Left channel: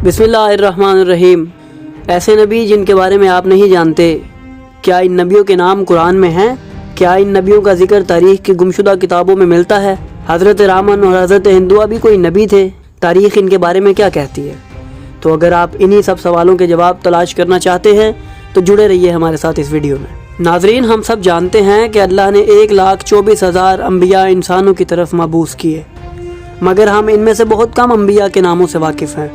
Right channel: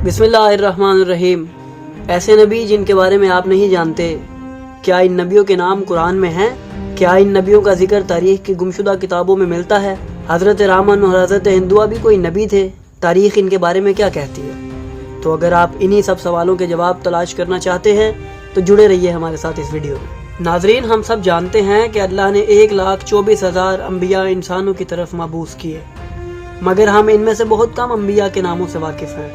बिस्मिल्लाहिर्रहमानिर्रहीम। ऐसे नबी जिनके बारे में आप नहीं जानते, क्या इन नबियों के नाम कुरान में हैं? क्या इन नबियों का जिक्र तारीख की गुमशुदा किताबों में मिलता है? हज़रत रामन और हज़रत हिंदुआ भी कोई नबी थे? तारीख इनके बारे में क्या कहती है? तो अगर आप इन्हीं सब सवालों के जवाब तलाश करना चाहते हैं तो जुड़े रहिए हमारे साथ इस वीडियो में। नाजरीन, हम सब जानते हैं कि अल्लाह ने 1,24,000 अम्बिया इंसानों की तरफ मबूस किए, मगर हम इनमें से बहुत कम अम्बिया के नामों से वाकिफ़ हैं।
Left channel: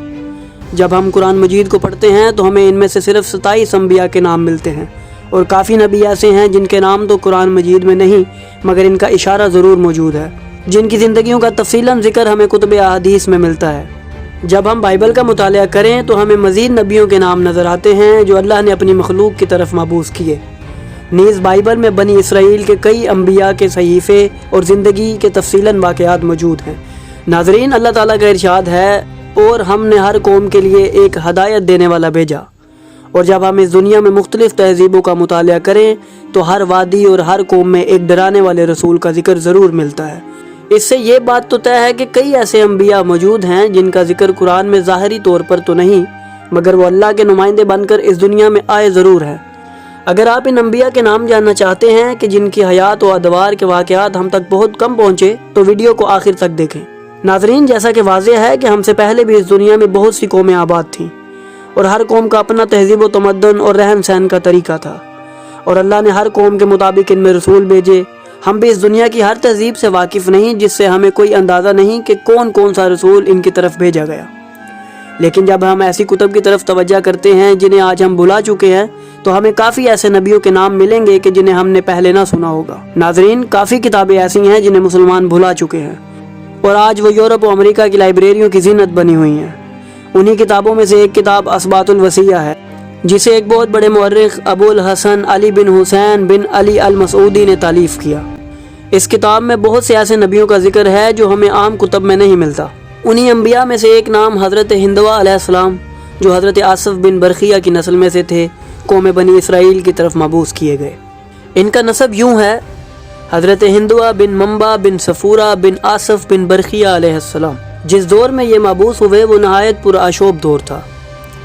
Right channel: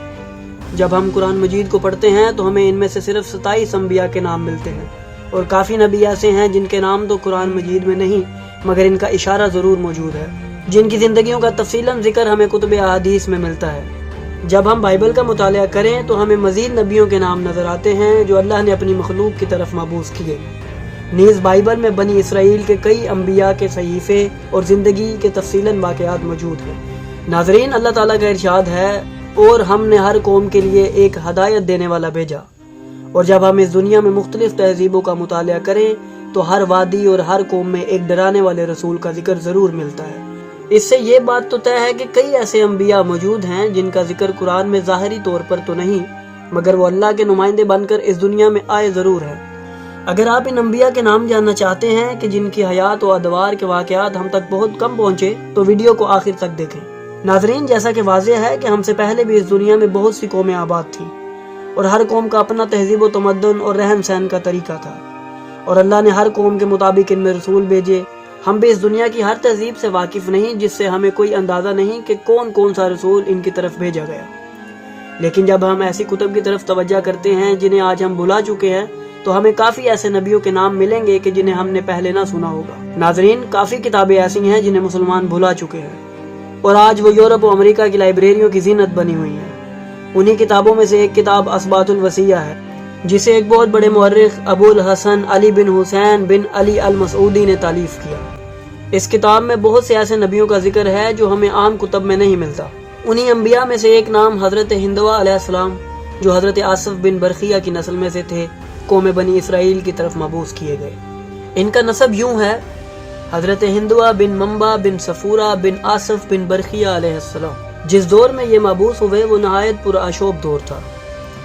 जब हम कुरान मजीद को पढ़ते हैं तो हमें इनमें से सिर्फ 27 अम्बिया के नाम मिलते हैं, और काफ़ी नबी ऐसे हैं जिनके नाम तो कुरान मजीद में नहीं मगर इनका इशारा ज़रूर मौजूद है, जिनकी ज़िंदगियों का तफसीलन जिक्र हमें कुतुब अहादीस में मिलता है। जब हम बाइबल का मुतालिया करें तो हमें मज़ीद नबियों के नाम नज़र आते हैं जो अल्लाह ने अपनी मखलूक की तरफ मबूस किए। नीज़ बाइबल में बनी इसराइल के कई अम्बिया के सहीफ़े और ज़िंदगी के तफसीलन वाक़यात मौजूद हैं। नाजरीन, अल्लाह ताला का इरशाद है, और हमने हर कौम के लिए एक हदायत देने वाला भेजा। और जब हम इस दुनिया में मुख्तलिफ तहजीबों का मुतालिया करें तो हर वादी और हर कौम में एक डराने वाले रसूल का जिक्र ज़रूर मिलता है। इससे ये बात तो तय है कि कई ऐसे अम्बिया मौजूद हैं जिनका जिक्र कुरान में ज़ाहिरी तौर पर तो नहीं, मगर वो अल्लाह के नुमाइंदे बनकर इस दुनिया में आए ज़रूर हैं। अगर आप इन अम्बिया के नाम जानना चाहते हैं कि जिनकी हयात और अदवार के वाक़यात हम तक बहुत कम पहुँचे, तो वीडियो को आखिर तक देखें। नाजरीन, जैसा कि वाज़ेह है कि हमसे पहले भी इस दुनिया में बहुत सी कौमें आबाद थीं, और हर कौम का अपना तहजीब व तमद्दुन और रहन सहन का तरीका था, और अल्लाह ने हर कौम के मुताबिक इनमें रसूल भेजे। हम भी इस दुनिया की हर तहजीब से वाकिफ़ नहीं, जिससे हमें कोई अंदाज़ा नहीं कि कौन कौन सा रसूल इनकी तरफ भेजा गया। लेकिन जब हम ऐसी कुतुब की तरफ तवज्जो करते हैं जिन्हें आज हम भुला चुके हैं, तो हमें काफ़ी ऐसे नबियों के नाम मिलेंगे कि जिन्हें हमने पहले ना सुना होगा। नाजरीन, काफ़ी किताबें ऐसी हैं जिन्हें मुसलमान भुला चुके हैं, और आज वो यूरोप और अमेरिका की लाइब्रेरियों की जीनत बनी हुई हैं। उन्हीं किताबों में से एक किताब असबातुल वसिया है, जिसे एक बहुत बड़े मुअर्रिख अबुल हसन अली बिन हुसैन बिन अली अल मसूदी ने तालीफ किया। इस किताब में बहुत से ऐसे नबियों का जिक्र है जो हमें आम कुतब में नहीं मिलता। उन्हीं अम्बिया में से एक नाम हज़रत हिंदवा अलैहिस्सलाम, जो हज़रत आसफ बिन बरखिया की नस्ल में से थे, कौम बनी इसराइल की तरफ मबूस किए गए। इनका नसब यूँ है, हज़रत हिंदवा बिन मंबा बिन सफूरा बिन आसफ बिन बरखिया अलैहिस्सलाम। जिस दौर में ये मबूस हुए वो नहायत पुरआशोब दौर था,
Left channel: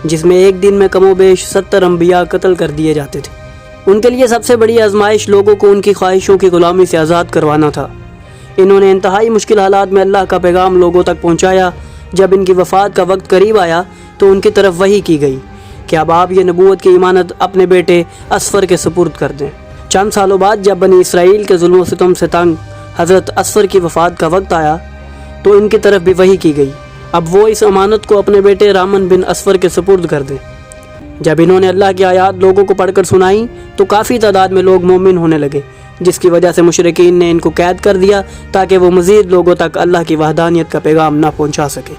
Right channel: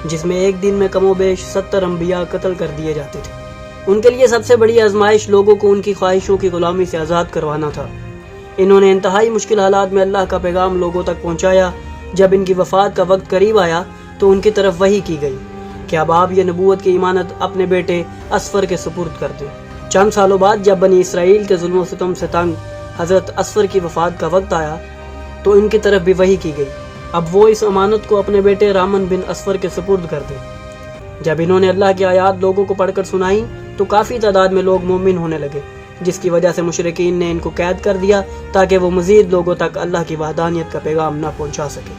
जिसमें एक दिन में कमोबेश 70 अम्बिया कत्ल कर दिए जाते थे। उनके लिए सबसे बड़ी आजमाइश लोगों को उनकी ख्वाहिशों की गुलामी से आज़ाद करवाना था। इन्होंने इंतहाई मुश्किल हालात में अल्लाह का पैगाम लोगों तक पहुँचाया। जब इनकी वफ़ात का वक्त करीब आया तो उनकी तरफ वही की गई कि अब आप ये नबूवत की इमानत अपने बेटे असफर के सुपुर्द कर दें। चंद सालों बाद जब बनी इसराइल के जुल्म सितम से तंग हज़रत असफर की वफ़ात का वक्त आया तो इनकी तरफ भी वही की गई, अब वो इस अमानत को अपने बेटे रामन बिन असफर के सुपुर्द कर दें। जब इन्होंने अल्लाह की आयात लोगों को पढ़कर सुनाई तो काफ़ी तादाद में लोग मोमिन होने लगे, जिसकी वजह से मुशरिकीन ने इनको कैद कर दिया ताकि वो मज़ीद लोगों तक अल्लाह की वहदानियत का पैगाम ना पहुँचा सके।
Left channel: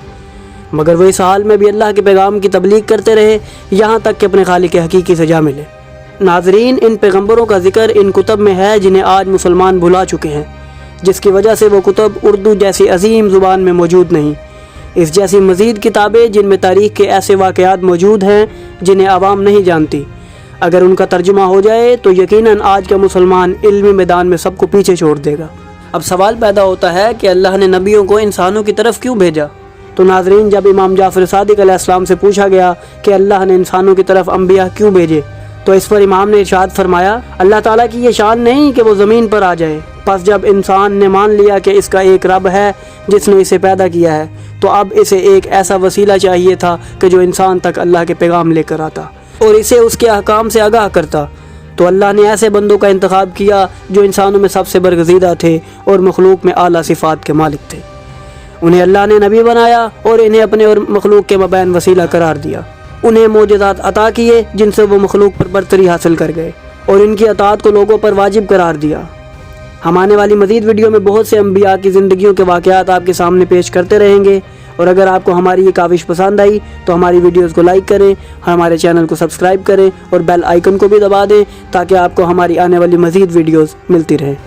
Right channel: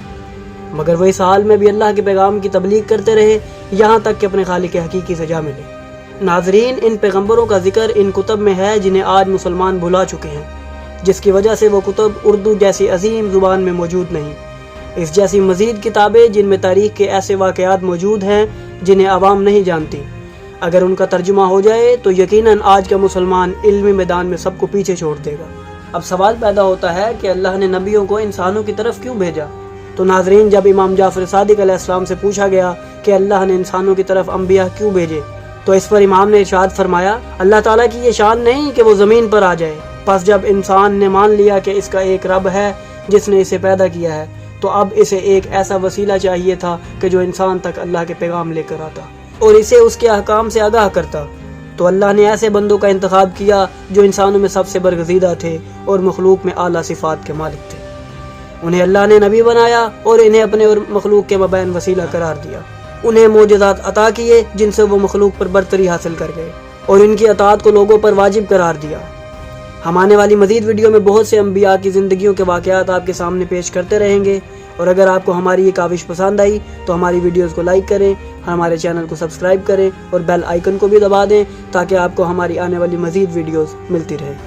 मगर वो इस हाल में भी अल्लाह के पैगाम की तबलीग करते रहे, यहाँ तक कि अपने खालिक हकीकी सजा मिले। नाजरीन, इन पैगम्बरों का जिक्र इन कुतब में है जिन्हें आज मुसलमान भुला चुके हैं, जिसकी वजह से वो कुतब उर्दू जैसी अजीम ज़ुबान में मौजूद नहीं। इस जैसी मज़ीद किताबें जिनमें तारीख़ के ऐसे वाक़यात मौजूद हैं जिन्हें आवाम नहीं जानती, अगर उनका तर्जुमा हो जाए तो यकीनन आज का मुसलमान इल्मी मैदान में सबको पीछे छोड़ देगा। अब सवाल पैदा होता है कि अल्लाह ने नबियों को इंसानों की तरफ क्यों भेजा? तो नाजरीन, जब इमाम जाफ़र सादिक अलैहिस्सलाम से पूछा गया कि अल्लाह ने इंसानों की तरफ अम्बिया क्यों भेजे, तो इस पर इमाम ने इरशाद फरमाया, अल्लाह ताला की ये शान नहीं कि वो ज़मीन पर आ जाए। बस जब इंसान ने मान लिया कि इसका एक रब है जिसने इसे पैदा किया है, तो अब इसे एक ऐसा वसीला चाहिए था कि जो इंसान तक अल्लाह के पैगाम लेकर आता और इसे उसके अहकाम से आगाह करता। तो अल्लाह ने ऐसे बंदों का इंतखाब किया जो इंसानों में सबसे बरगज़ीदा थे और मखलूक में आला सिफ़ात के मालिक थे। उन्हें अल्लाह ने नबी बनाया और इन्हें अपने और मखलूक के मबैन वसीला करार दिया। उन्हें मोजज़ात अता किए जिनसे वो मखलूक पर बरतरी हासिल कर गए, और इनकी अताअत को लोगों पर वाजिब करार दिया। हम आने वाली मज़ीद वीडियो में बहुत से अम्बिया की ज़िंदगियों के वाक़यात आपके सामने पेश करते रहेंगे, और अगर आपको हमारी ये काविश पसंद आई तो हमारी वीडियोज़ को लाइक करें, हमारे चैनल को सब्सक्राइब करें और बेल आइकन को भी दबा दें ताकि आपको हमारी आने वाली मज़ीद वीडियोज़ मिलती रहें।